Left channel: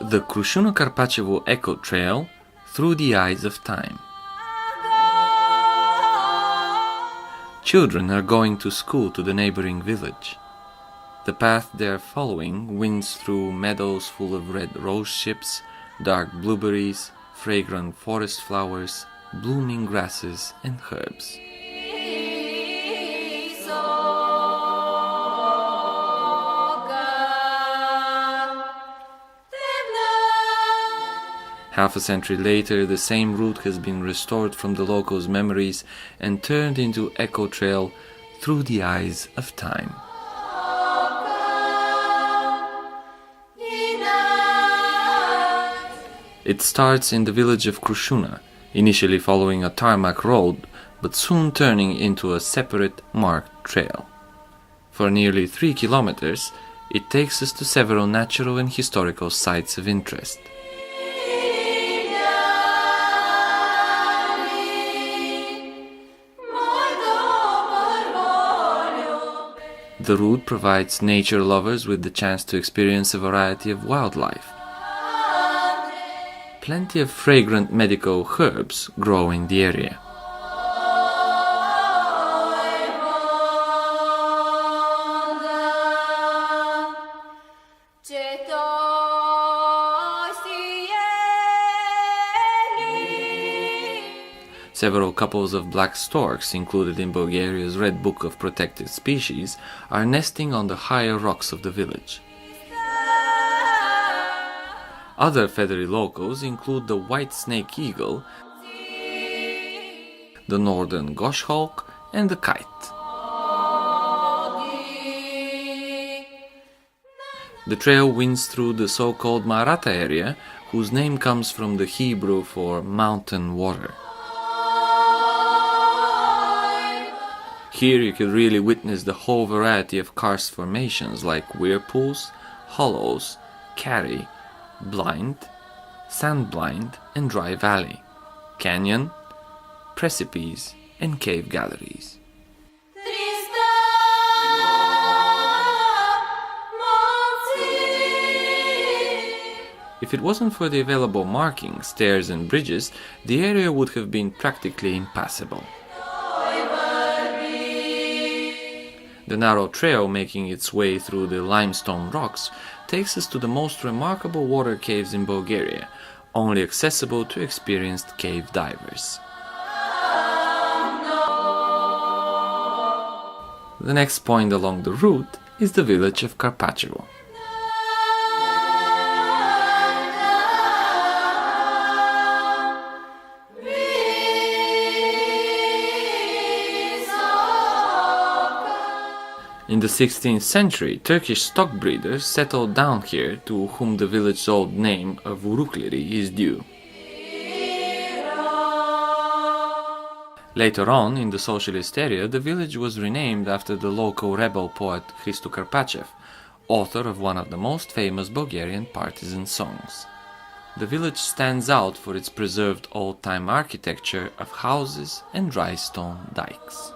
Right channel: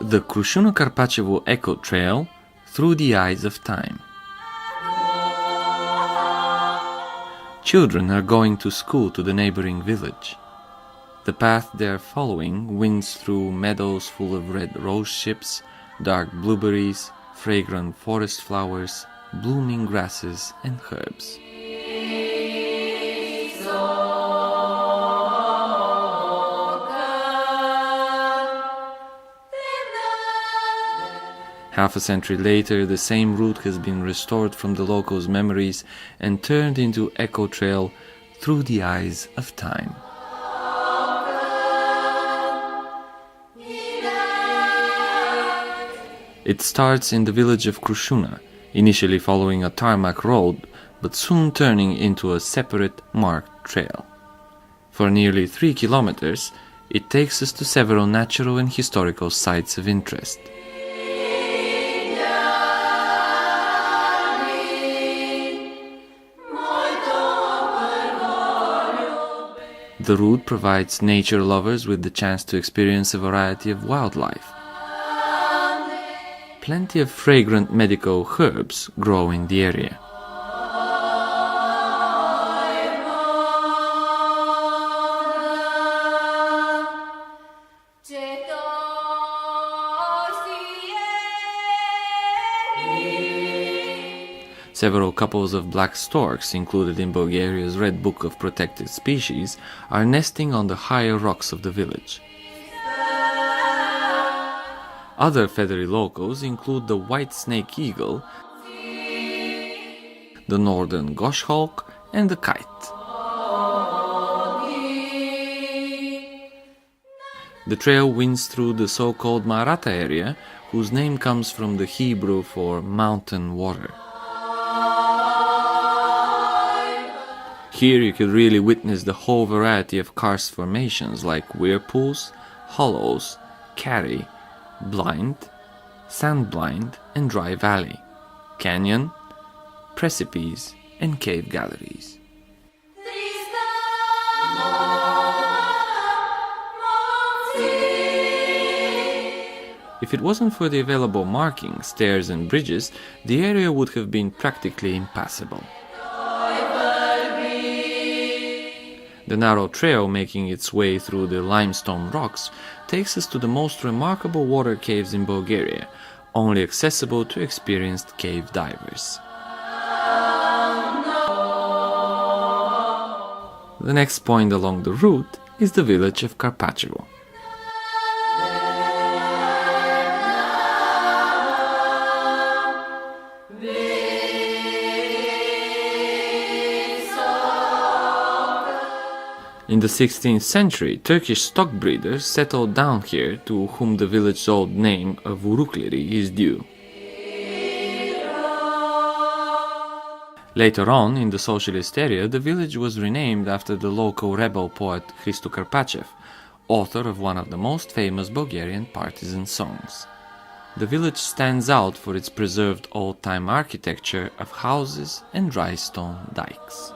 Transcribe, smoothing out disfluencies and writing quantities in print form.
The Krushuna Karpachevo Eco Trail through the eyes of time. Children are going to school to the neighboring village. The path they are following winds through meadows full of red rose ships, dark blueberries, fragrant forest flowers, blooming grasses and herbs. Half a century later, the same route has been restored from the locals' memories and turned into Eco Trail through the eyes of time. It starts in the village of Krushuna, initially following a tarmac road, but soon turning into a separate marked trail. For nearly 3 kilometers, it takes us to several natural and historical sites of interest. The route provides nature lovers with the chance to experience a variety of wildlife. Plenty of fragrant medical herbs grow in the area. Several couples of black storks, included in Bulgaria's Red Book of Protected Species, are nesting on the higher rocks of the village. Other feathery locals include the white snake eagle, the northern goshawk, and the kite. The trail winds through the so-called Maratha area, whose name comes from the Hebrew for mountain water. Here you can really witness the whole variety of karst formations like whirlpools, hollows, carry, blind, sand blind and dry valley, canyon, precipice and cave galleries. If it wasn't for the available markings, stairs and bridges, the area would have been practically impassable. The narrow trail making its way through the limestone rocks takes us to the most remarkable water caves in Bulgaria, only accessible to experienced cave divers. The next point along the route is the village of Karpachevo. In the 16th century, Turkish stock breeders settled down here, to whom the village's old name of Urukleri is due. Later on, in the socialist area, the village was renamed after the local rebel poet Hristo Karpachev, author of one of the most famous Bulgarian partisan songs. The village stands out for its preserved old-time architecture of houses and dry stone dikes.